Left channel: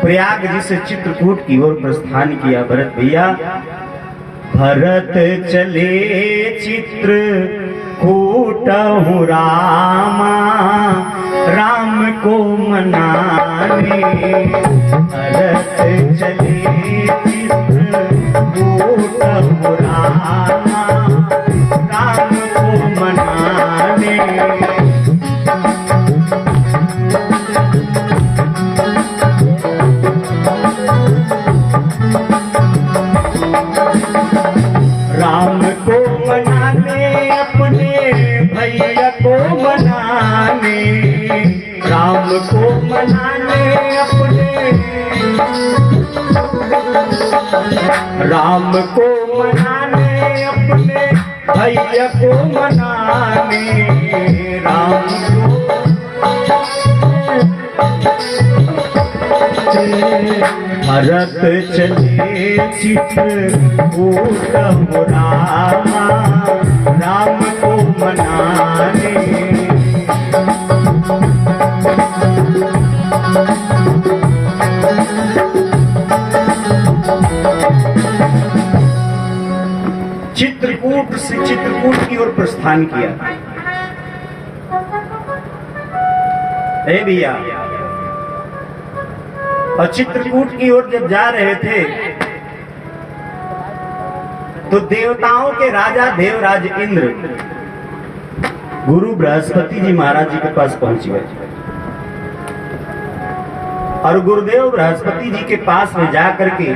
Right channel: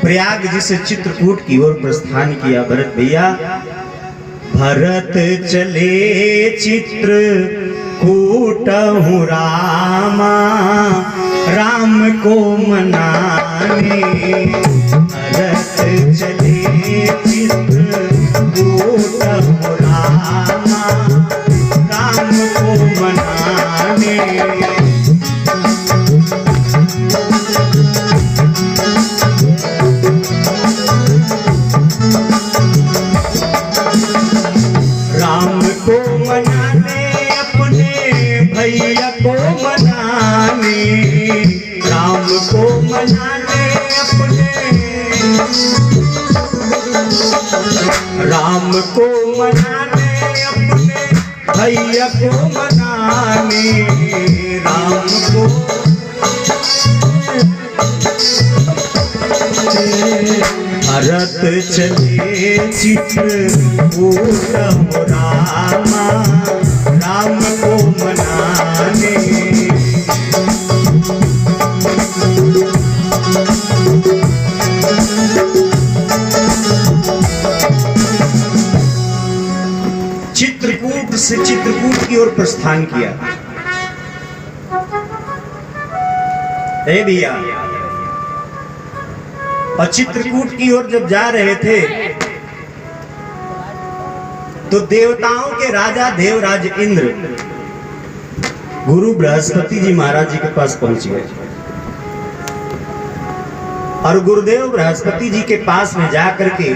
प्रयाग जी से चित्रकूट की ओर प्रस्थान किया भरत भैया। भरत चले चित्रकूट रामा, राम को मनाने। भरत चले चित्रकूट रामा, राम को मनाने। राम को मनाने, अपने भैया को मनाने। राम को मनाने, अपने राम को मनाने, अपने भैया को मनाने। राम को भरत चले चित्रकूट रामा, राम को मनाने। चित्रकूट से चित्रकूट की ओर प्रस्थान किया। ए भैया, और चित्रकूट की ओर जब जा रहे थे तो देवताओं के राजा देवराज इंद्र गुरु बृहस्पति जी महाराज जी के पास पहुंच गए और गुरुदेव बृहस्पति जी के पास में जाकर के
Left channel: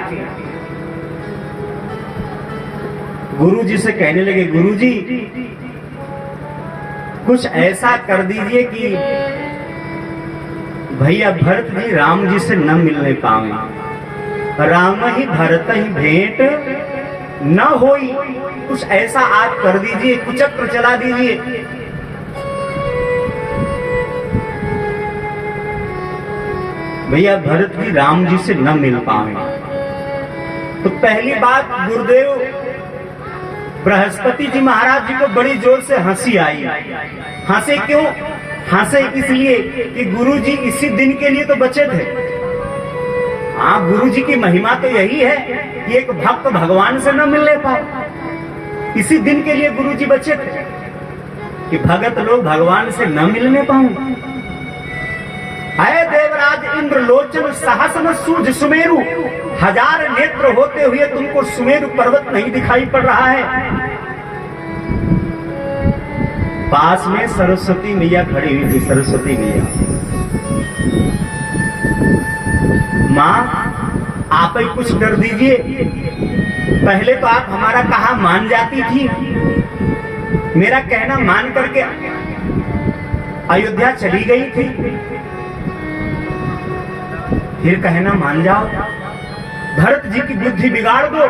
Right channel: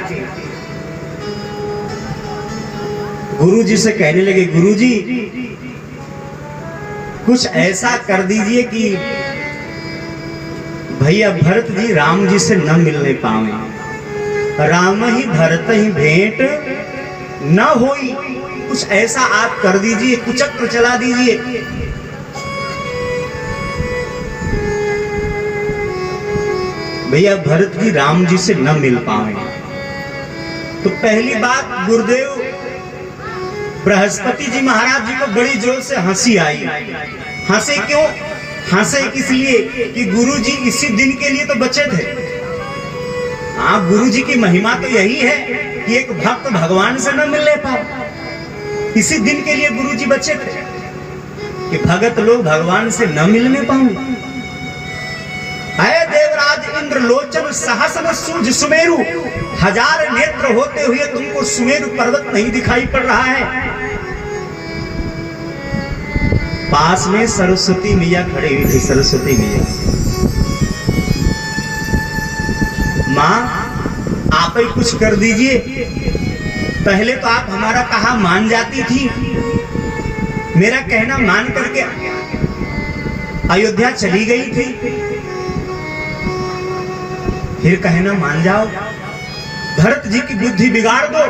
गुरु जी से कहने लगे, गुरु जी कुछ ऐसा कर दीजिए कि भैया भरत जी राम जी से न मिलने पावे, राम ही भरत ही भेंट न होई। कुछ ऐसा आप कर दीजिए, कुचक्र चला दीजिए। भैया भरत जी राम जी से न मिल पावे। तो पहली बात, गुरुदेव बृहस्पति जी महाराज जी को बड़ी जोर से हंसी आई। हंसे क्यों? हंसे इसलिए कि गुरु जी इसी दिन के लिए तो बचे थे। हाँ, गुरु जी की महिमा तो यही है कि एक भक्त भगवान से न मिलने पाए। इसी दिन के लिए गुरु जी बचे थे कि भगत लोग भगवान से न मिलने पाए। अय देवराज इंद्र लोचन सहस्र सूझ सुमेरु, हजार नेत्र होते हुए तुमको सुमेरु पर्वत नहीं दिखाई पड़ रहा है। पास में सरस्वती मैया खड़ी हुई थी। सरस्वती मैया, माँ आप ही कुछ कर दीजिए। पहले तो आप हमारा कहा मान जाती थी, मेरा कहना मान करके अयोध्या चली गई थी, फिर कहना मान जाओ। भरत जी की बुद्धि बिगाड़ दो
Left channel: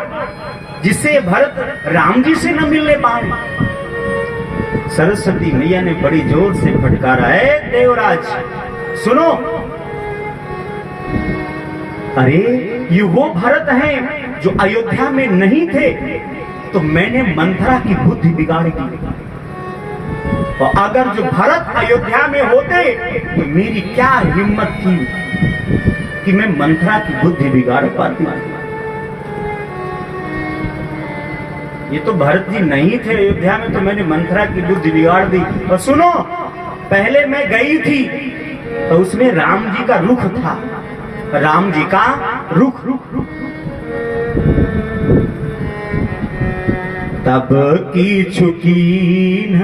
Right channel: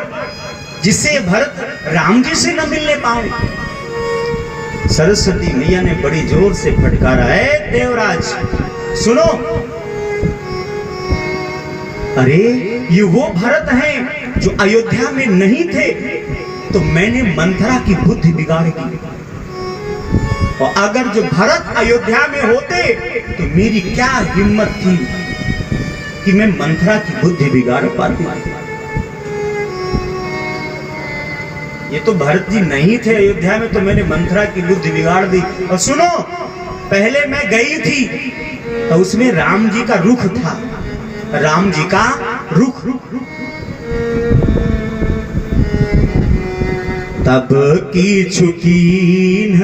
जिससे भरत राम जी से न मिलने पाए। सरस्वती मैया ने बड़ी जोर से फटकारा, है देवराज सुनो। अरे ये वो भरत हैं जो अयोध्या में नहीं थे, तो मैंने मंथरा की बुद्धि बिगाड़ दी। और अगर जो भरत अयोध्या में होते तो मेरी क्या हिम्मत थी कि मैं मंथरा की बुद्धि बिगाड़ पाती। ये तो भरत जी नहीं थे अयोध्या में, तो मैंने मंथरा की बुद्धि बिगाड़ दी। और सुनो, पहले मैं गई थी तो उसमें राम जी का रुख था। राम जी का रुख, तब की छुकीन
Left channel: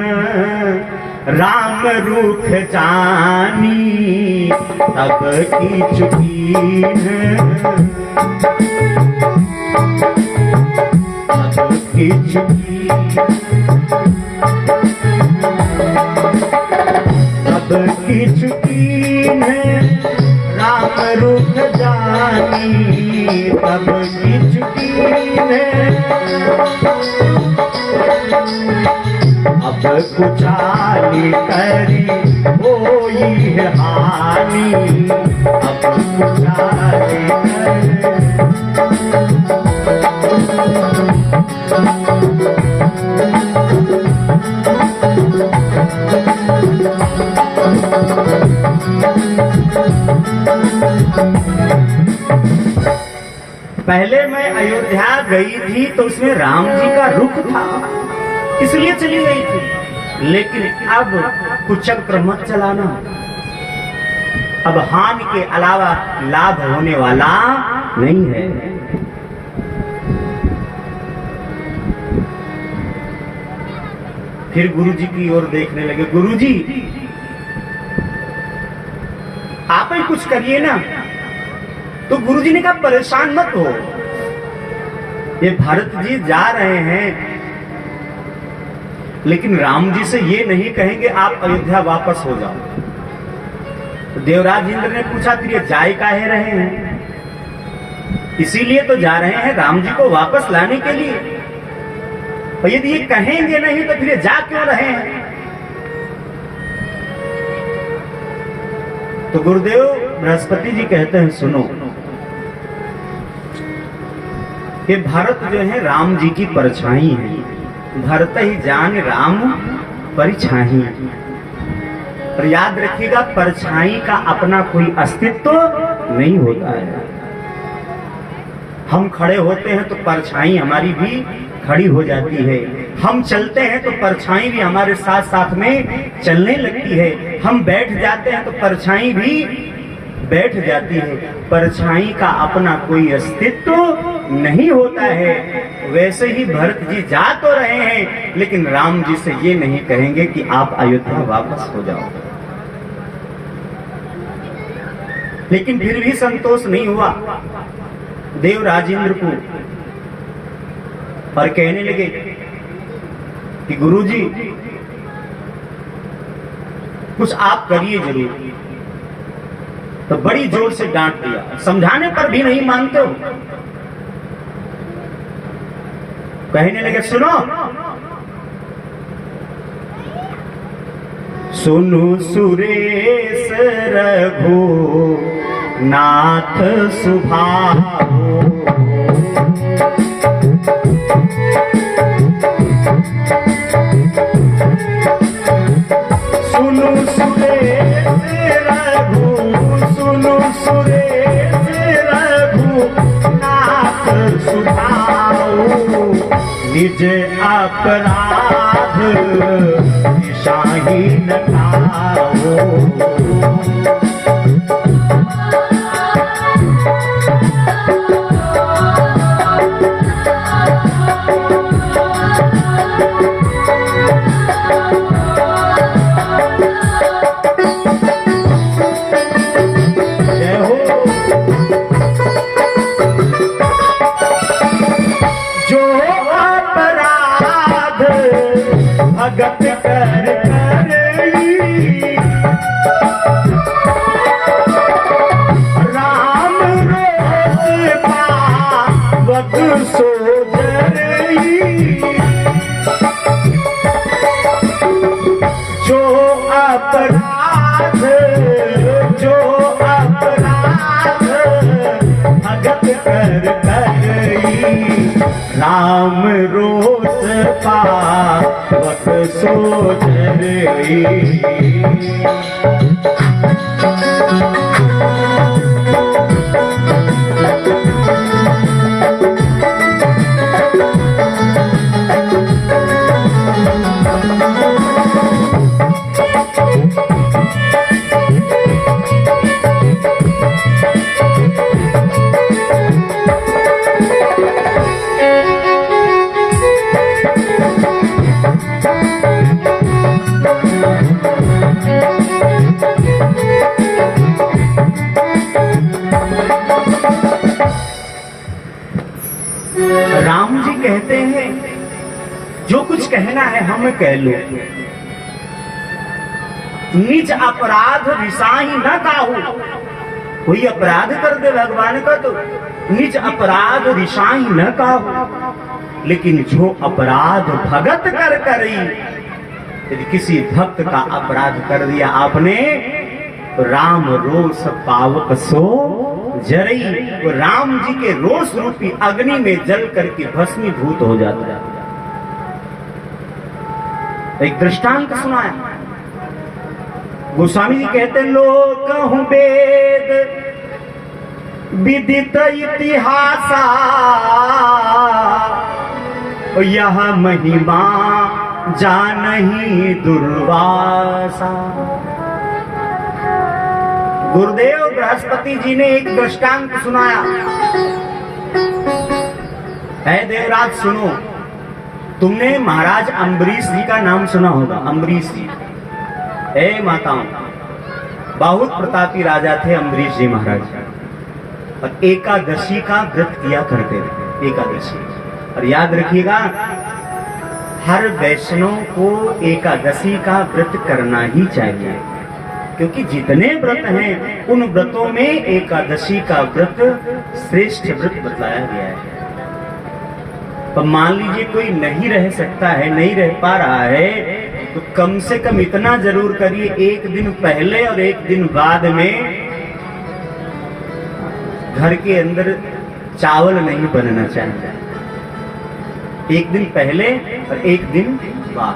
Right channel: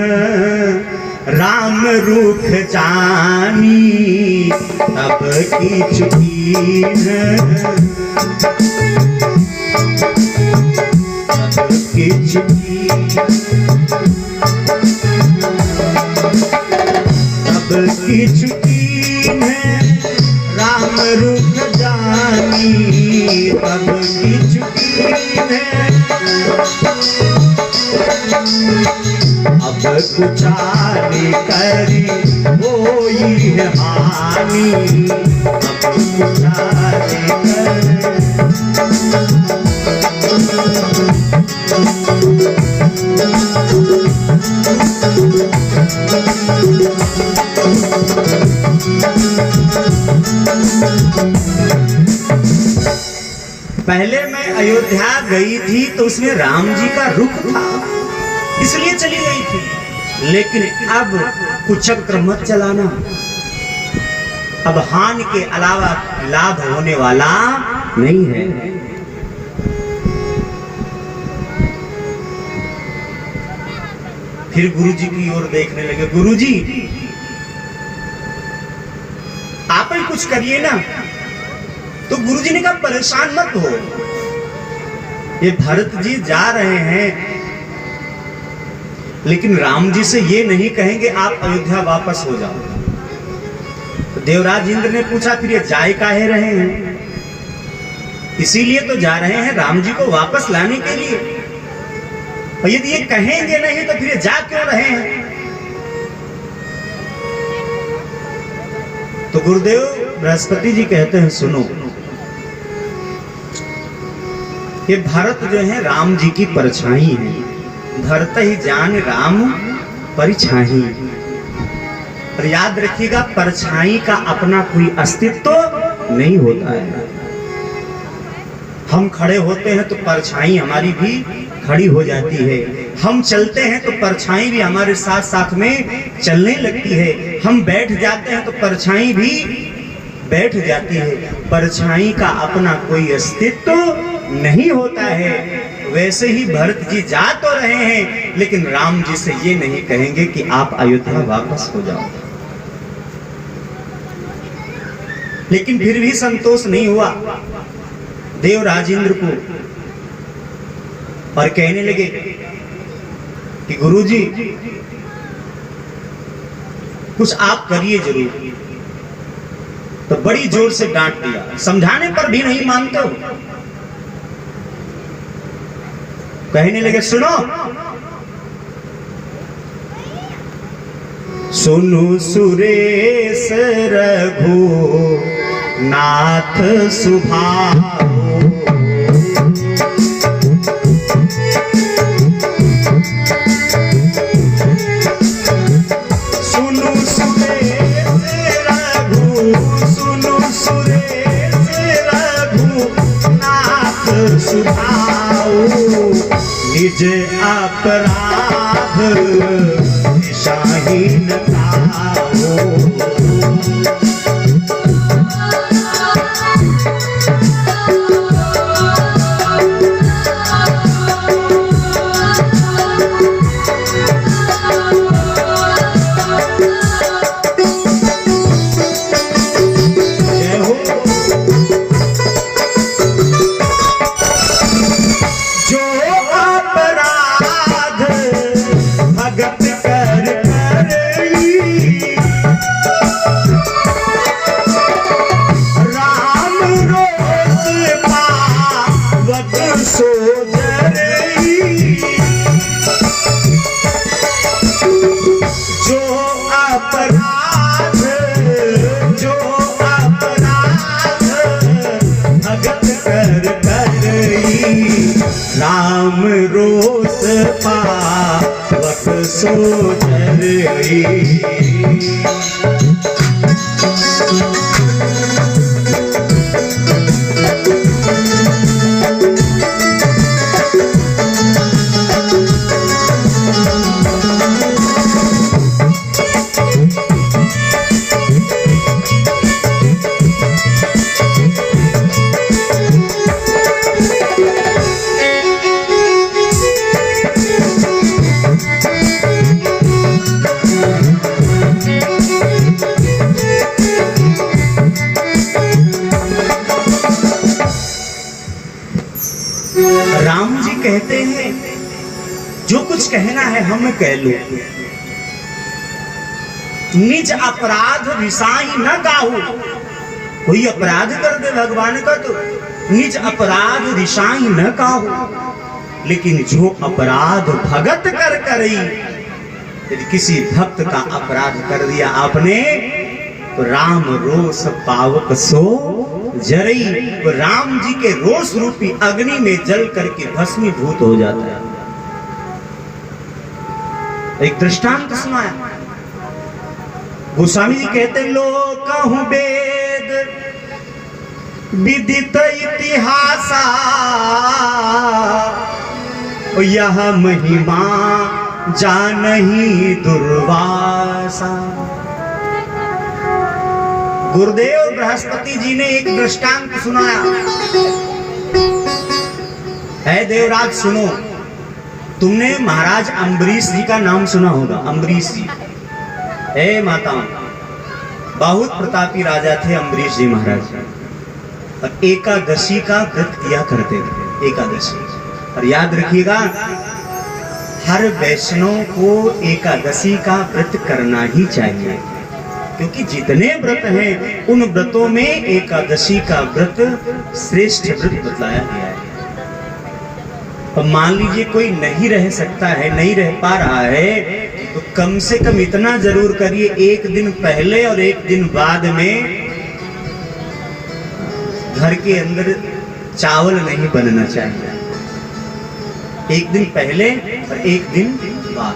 राम रुख जानी, तब की छुकीन की छुकीन, तब की छुकीन राम रुख जानी, तब की छुकीन अब कुचाली करी होई है हानि, अब कुचाली करी। पहले मैं अयोध्या गई थी तो उसमें राम जी का रुख था, इसलिए चली गई थी। लेकिन अब कुचक्र मत चलाना, अब हानि के अलावा लाभ होने वाला नहीं है। फिर गुरुजी की ओर देखने लगे। गुरुजी आप ही कुछ करिए ना। तो गुरुजी ने कहा परेशान मत हो, ये भरत जी जा रहे हैं, लेकिन राम जी से ये नहीं कहेंगे आप अयोध्या वापस हो जाओ। तो देवराज इंद्र ने पूछा फिर ये जाए काहे रहे हैं? इसीलिए तो जा रहे हैं राम जी को वापस लाने के लिए। और यदि ये कहेंगे नहीं तो फिर ये जा क्यों रहे हैं? तो गुरुदेव बृहस्पति जी कहते हैं सुनो, ये भरत जो है राम जी की परछाई है, धरत ही जान राम परिछाई। और याद रखिएगा परछाई का अपना कोई अस्तित्व नहीं होता है। हम खड़े होते हैं तो परछाई हमारी भी खड़ी हो जाती है, हम चलते हैं तो परछाई भी हमारे साथ साथ में चलने लगती है, हम बैठ जाते हैं तो परछाई भी बैठ जाती है। परछाई का अपना कोई अस्तित्व नहीं होता है। वैसे ही भरत जी जा तो रहे हैं, लेकिन राम जी से ये नहीं कहेंगे कि आप अयोध्या वापस हो जाओ। लेकिन फिर भी संतोष नहीं हुआ देव राजेंद्र को, और कहने लगे कि गुरुजी कुछ आप करिए जरूर। तो बड़ी जोर से डांट दिया, समझाने पर भी नहीं मानते हो। कहने लगे सुनो, सुनु सुरेश रघु नाथ सुभाओ, सुनु सुरेश रघु, सुनु सुरेश रघु नाथ सुभाओ, निज अपराध शाहीन खाओ। राम रोस पावक सोचरई। राम जी कहते हैं जो कुछ कहना है हम कह लो, निज अपराध रिसाही न काहू। कोई अपराध कर दे भगवान का तो निज अपराध रिसाही न काहू, लेकिन जो अपराध भगत कर करी, यदि किसी भक्त का अपराध कर दिया आपने तो राम रोष पावक सो जरई, तो राम जी के रोष रूपी अग्नि में जल करके भस्मीभूत हो जाता है। एक दृष्टांत सुनाया गोस्वामी जी कहते लो कहूं वेद विदित इतिहासा यह महिमा जानहि दुर्वासा। गुरुदेव बृहस्पति जी ने एक दृष्टांत सुनाया। है देवराज सुनो, तुमने महाराज अम्बरीश जी का नाम सुना होगा। अम्बरीश जी, हे माताओं, बहुत प्रतापी राजा थे अम्बरीश जी महाराज, और एकादशी का व्रत किया करते थे। एकादशी, और याद रखिएगा, हर वैष्णव को एकादशी का व्रत करना ही चाहिए, क्योंकि जितने व्रत हैं उन व्रतों में एकादशी का व्रत श्रेष्ठ व्रत बतलाया गया है। अब मान लीजिए कोई नहीं रह सकता है, नहीं रह पा रहा है, तो कम से कम इतना जरूर करिए, एक दिन पहले और एक दिन बाद में घर के अंदर चावल नहीं बनना चाहिए। एक दिन पहले और एक दिन बाद।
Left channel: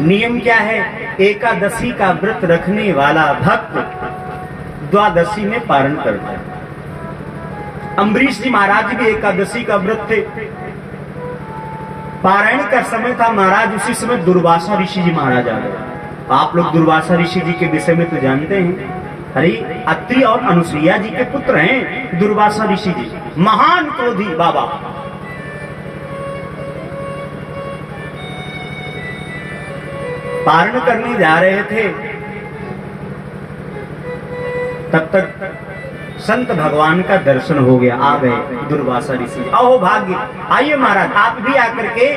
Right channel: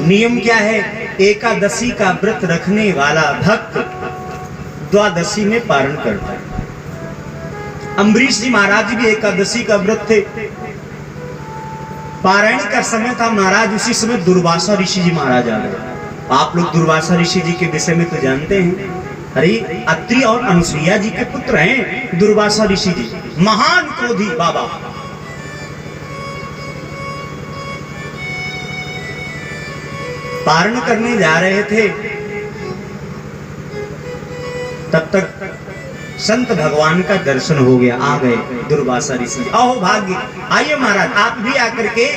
नियम क्या है? एकादशी का व्रत रखने वाला भक्त द्वादशी में पारण करता है। अम्बरीश जी महाराज भी एकादशी का व्रत थे। पारायण का समय था महाराज, उसी समय दुर्वासा ऋषि जी महाराज आ गए। आप लोग दुर्वासा ऋषि जी के विषय में तो जानते हैं। अरे अत्रि और अनुसुईया जी के पुत्र हैं दुर्वासा ऋषि जी, महान क्रोधी बाबा। पारण करने जा रहे थे, तब तक संत भगवान का दर्शन हो गया। आ गए दुर्वासा ऋषि। अहो भाग्य, आइए महाराज, आप भी आकर के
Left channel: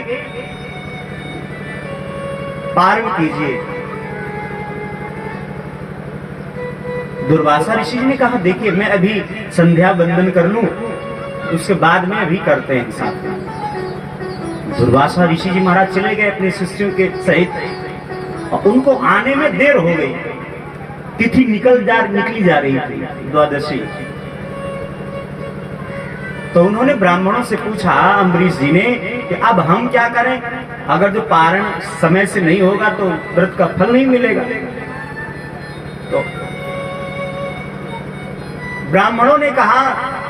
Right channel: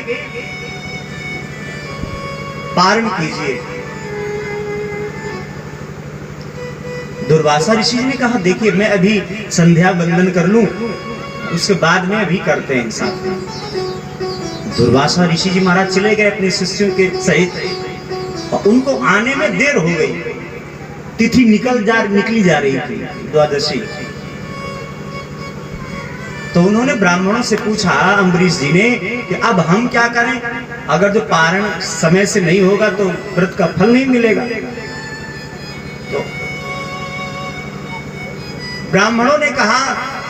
पारण कीजिए। दुर्वासा ऋषि जी ने कहा, देखिए मैं अभी संध्या वंदन कर लूं, उसके बाद में अभी करते हैं साथ में। दुर्वासा ऋषि जी महाराज चले गए अपने शिष्यों के सहित, और उनको आने में देर हो गई। तिथि निकली जा रही थी, द्वादशी। तो उन्होंने ब्राह्मणों से पूछा अम्बरीश जी ने कि अब हम क्या करें? अगर जो पारण समय से नहीं होगा तो व्रत का फल नहीं मिलेगा। तो ब्राह्मणों ने कहा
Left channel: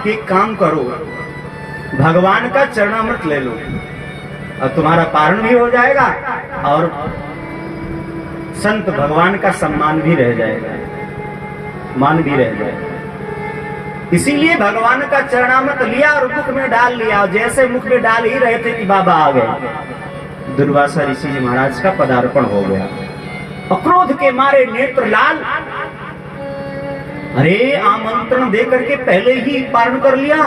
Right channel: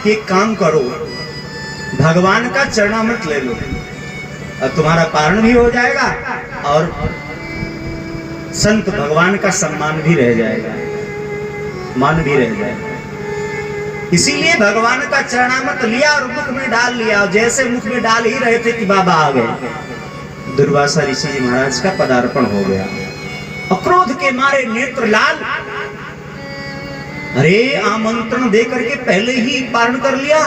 कि एक काम करो, भगवान का चरणामृत ले लो और तुम्हारा पारण भी हो जाएगा और संत भगवान का सम्मान भी रह जाएगा, मान भी रह जाएगा। इसीलिए भगवान का चरणामृत लिया और मुख में डाल लिया, और जैसे मुख में डाल ही रहे थे कि बाबा आ गए। दुर्वासा ऋषि जी महाराज का पदार्पण हो गया। अक्रोध के मारे नेत्र लाल। अरे आमंत्रण दे करके पहले ही पारण कर लिया,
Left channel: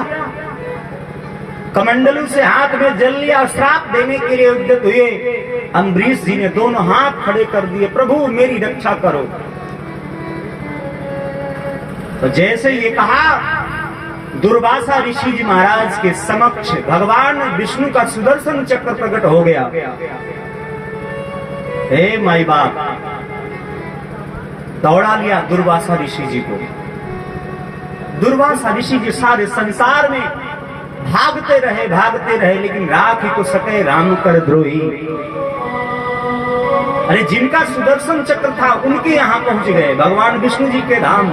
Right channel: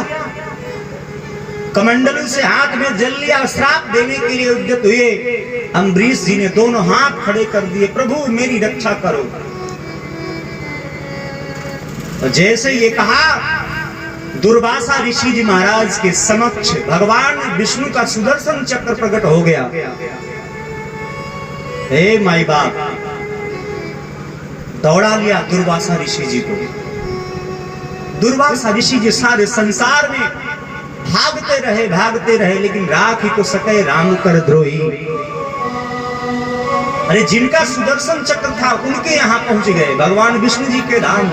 कमंडलू से हाथ में जल लिया, श्राप देने के लिए उद्यत हुए। अम्बरीश जी ने दोनों हाथ खड़े कर दिए, प्रभु मेरी रक्षा करो। तो जैसे ये कहा, दुर्वासा ऋषि जी महाराज के समक्ष भगवान विष्णु का सुदर्शन चक्र प्रकट हो गया। हे माई बाप, दौड़ा लिया दुर्वासा ऋषि जी को। दुर्वासा ऋषि जी सारे संसार में भागते रहे, लेकिन राख को सके राम कर द्रोही। अरे जिनका सुदर्शन चक्र था उनके यहां पहुंच गए, भगवान विष्णु जी के धाम।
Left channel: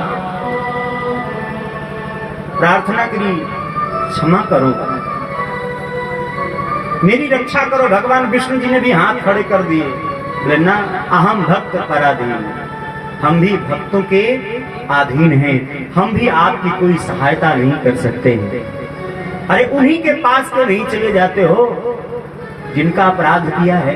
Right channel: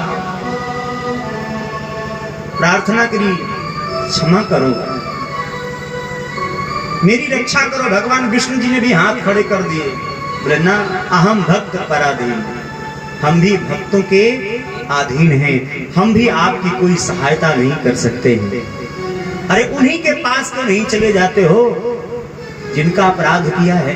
प्रार्थना करी, क्षमा करो, मेरी रक्षा करो। भगवान विष्णु जी ने भी हाथ खड़े कर दिए, बोले ना, अहम भक्त पराधीन, हम भी भक्तों के अधीन हैं, हम भी आपकी कोई सहायता नहीं कर सकते हैं। अरे उन्हीं के पास क्यों नहीं चले जाते हो जिनका अपराध किया है?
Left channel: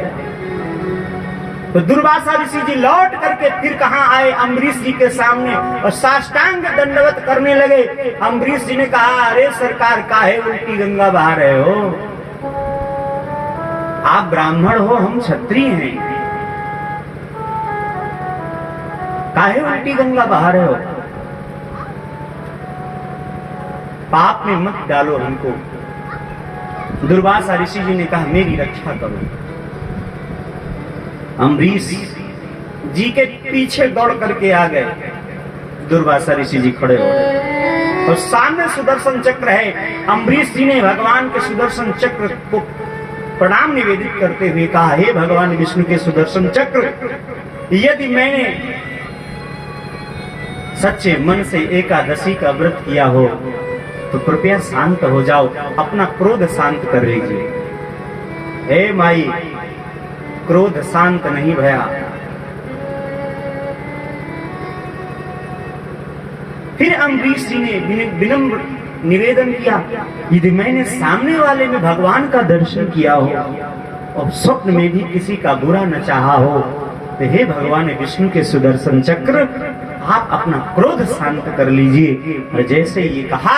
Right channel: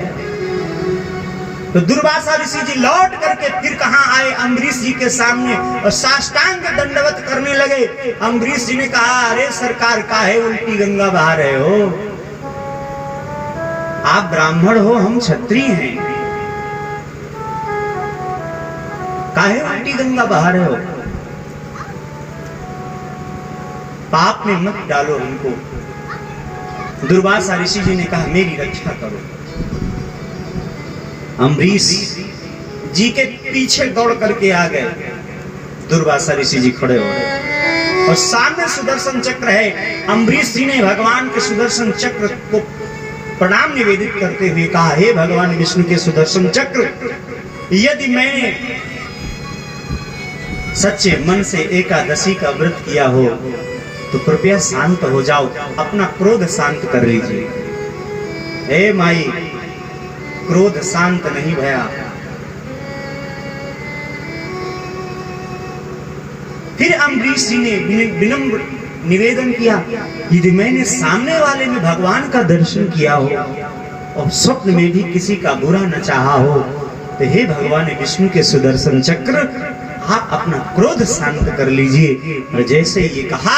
तो दुर्वासा ऋषि जी लौट करके फिर कहां आए? अम्बरीश जी के सामने, और साष्टांग दंडवत करने लगे। अम्बरीश जी ने कहा, अरे सरकार, काहे उल्टी गंगा बहा रहे हो? आप ब्राह्मण हो, हम क्षत्रिय हैं, काहे उल्टी गंगा बहा रहे हो? पाप में मत डालो हमको। दुर्वासा ऋषि जी ने कहा, मेरी रक्षा करो। अम्बरीश जी के पीछे दौड़ करके आ गए। दुर्वासा ऋषि जी खड़े हो गए और सामने सुदर्शन चक्र है। अम्बरीश जी ने भगवान के सुदर्शन चक्र को प्रणाम निवेदित करते हुए कहा, हे भगवान विष्णु के सुदर्शन चक्र, यदि मैंने सच्चे मन से एकादशी का व्रत किया हो तो कृपया शांत हो जाओ, अपना क्रोध शांत कर लीजिए। हे माई, क्रोध शांत नहीं भया। फिर अम्बरीश जी ने विनम्र निवेदन किया, यदि मैंने सामने वाले में भगवान का दर्शन किया हो और स्वप्न में भी किसी का बुरा न चाहा हो, तो हे भगवान विष्णु के सुदर्शन चक्र, आप अपना क्रोध शांत कर लीजिए। और जैसे ये कहा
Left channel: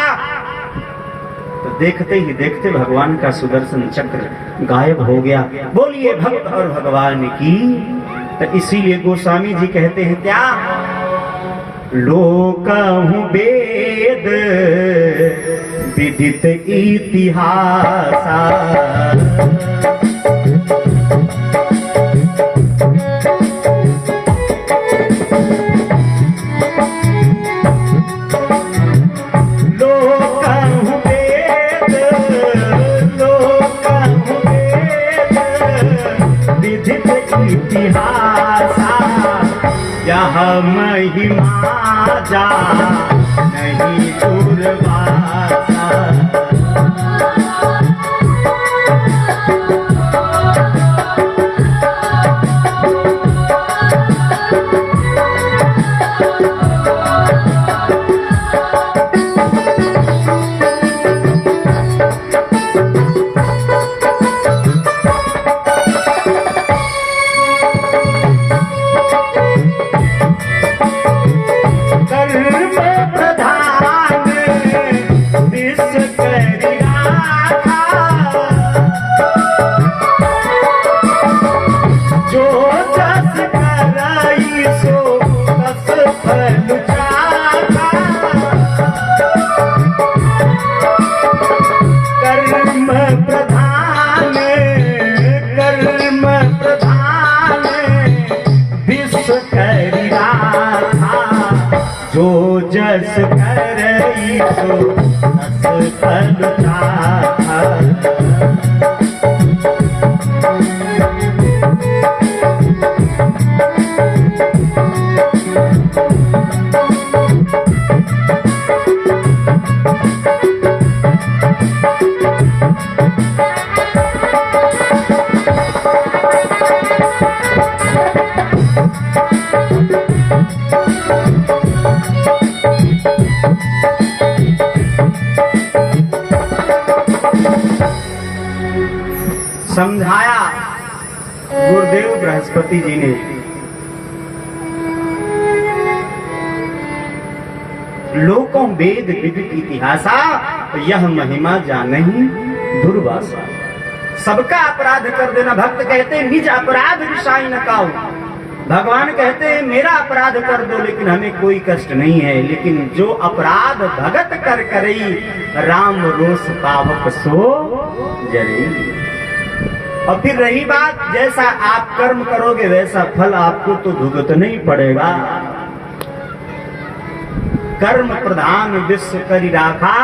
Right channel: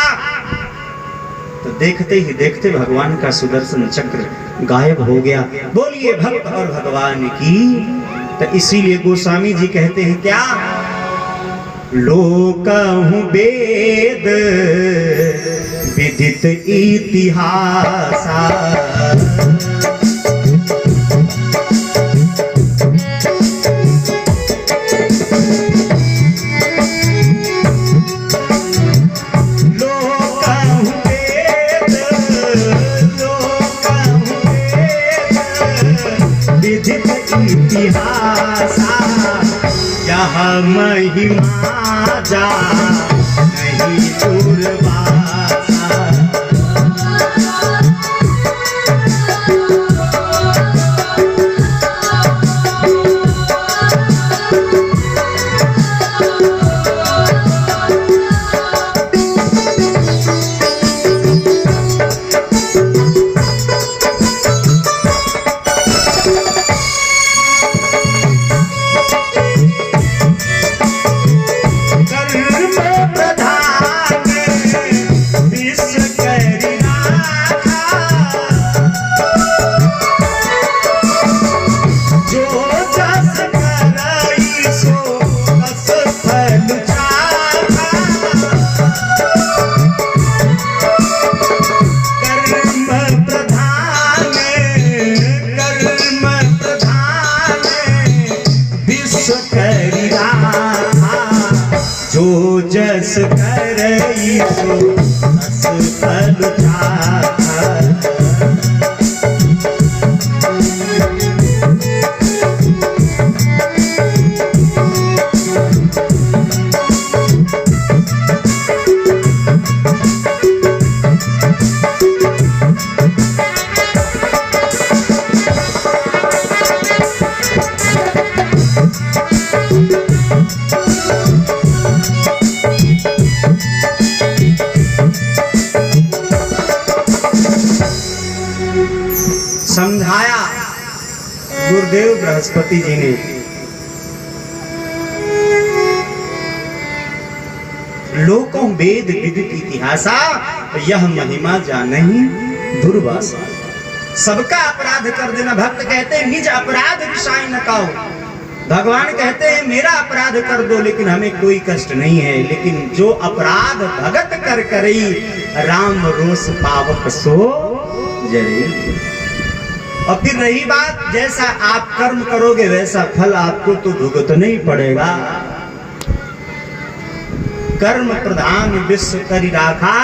तो देखते ही देखते भगवान का सुदर्शन चक्र गायब हो गया। बोलिए भक्त और भगवान की। तो इसीलिए गोस्वामी जी कहते हैं क्या, लोकहु वेद विदित इतिहासा, यह महिमा जा नहीं दुर्वासा। जो जस करई सो तस फल चाखा। समझाया गुरुदेव बृहस्पति जी ने। लोकों वेद विदित इतिहासा, यह महिमा जानहि दुर्वासा। सबका अपराध कर देना। भक्त कहते हैं निज अपराध विषाई न काऊ। भगवान कहते हैं मेरा अपराध कर दो लेकिन हमें कोई कष्ट नहीं है, लेकिन जो अपराध भगत कर करई, राम रोष पावक सो जरई। और फिर रही बात, जैसा आप कर्म करोगे वैसा फल आपको तो भुगतना ही पड़ेगा। कर्म प्रधान विश्व करि राखा,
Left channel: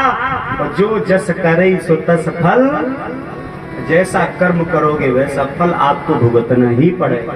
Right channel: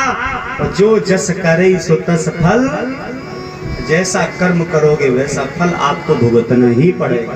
और जो जस करे सो तस फल। जैसा कर्म करोगे वैसा फल आपको भुगतना ही पड़ेगा।